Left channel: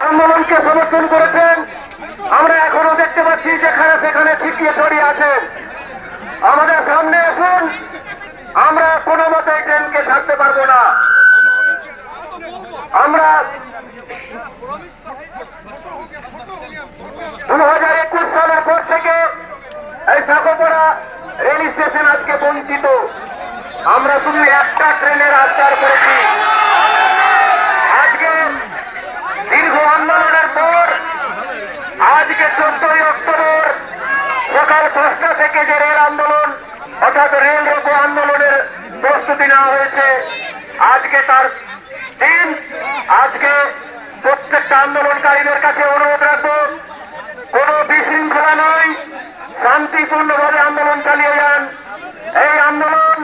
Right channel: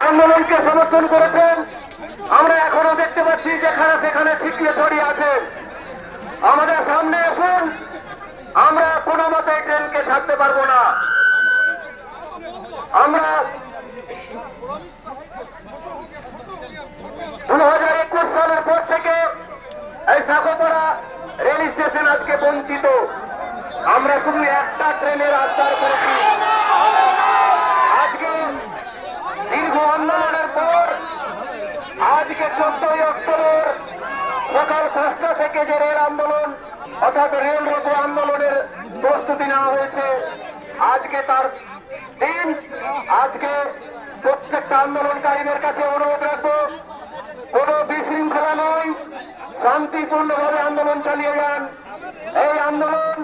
আন্দোলনকে সমর্থন করেছেন। আমরা এখনও দেখতে পাচ্ছি যেখানে সেখানে ছিটিয়ে ছড়িয়ে আছেন। আমাদের সামনে এখন আমরা কোনো মতে ট্রেনকে ছাড়তে পারব না। আমরা দু হাজার একুশ সালের পর থেকে এই সাগরপাড়া রেল স্টেশন আজকে বঞ্চিত আমরা শুধু একটা ট্রেনের আচার করেছি আজকে দীর্ঘ আন্দোলনের পর আজকে চোদ্দই অক্টোবর সকাল পাঁচটা থেকে যে রেল আন্দোলন, অর্থাৎ রেল রোকো আন্দোলনের প্রস্তুতি নেওয়া হয়েছে। আজকে তার দিন, আজকে প্রত্যেকটা আন্দোলনকারীদের কাছে অনুরোধ রাখব, কোনো বিশৃঙ্খলা নয়, শান্তিপূর্ণভাবে আন্দোলন চালিয়ে যান। এই আন্দোলন,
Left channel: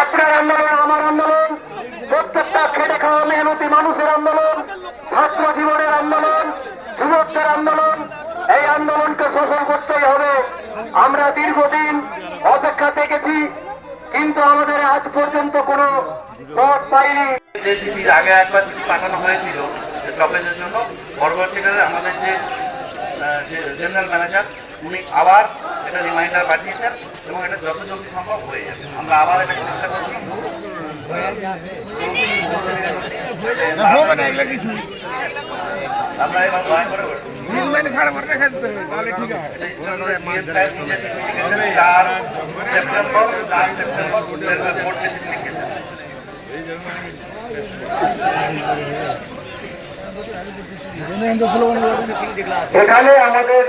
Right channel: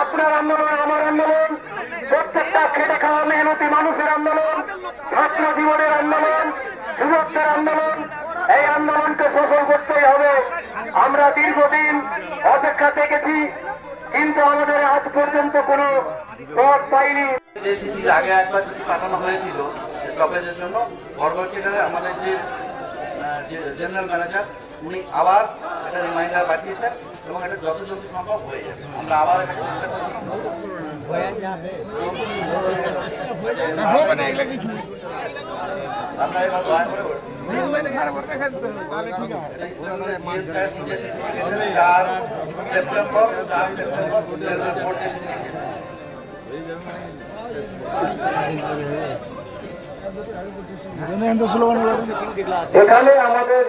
আপনার আন্দোলন, আমার আন্দোলন, প্রত্যেকটা খেটে খাওয়া মেহনতি মানুষের আন্দোলন কিন্তু আমাদের আজ পর্যন্ত কোনো পথ পাইনি যে চিঠির আগে একবার চিঠি পাঠানো হয়েছিল জন্য পরবর্তীকালে আমাদের যে যে জেনারেল ম্যানেজার উনি আবার এটা রিমাইন্ডার পাঠিয়েছেন এবং এটা যত জলদি সম্ভব হয়ে যাবে আমরা আবার এটা চেষ্টা করছি আমরা এবার দয়া করে চার এখানে আমাদের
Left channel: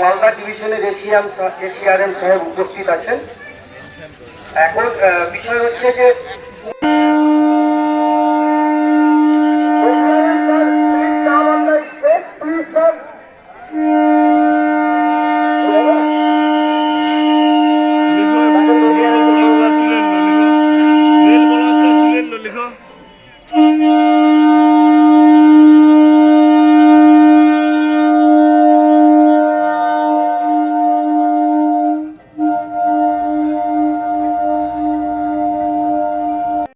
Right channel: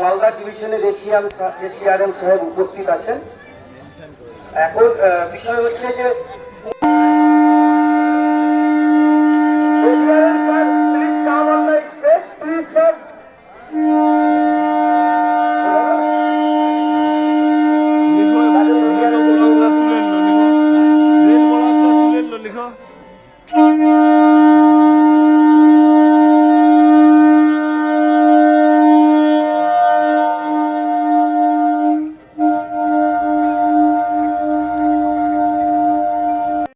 মালদা ডিভিশনের এশিয়ান এশিয়ারেন সাহেব উপস্থিত আছেন। এখন বিষয় হচ্ছে যে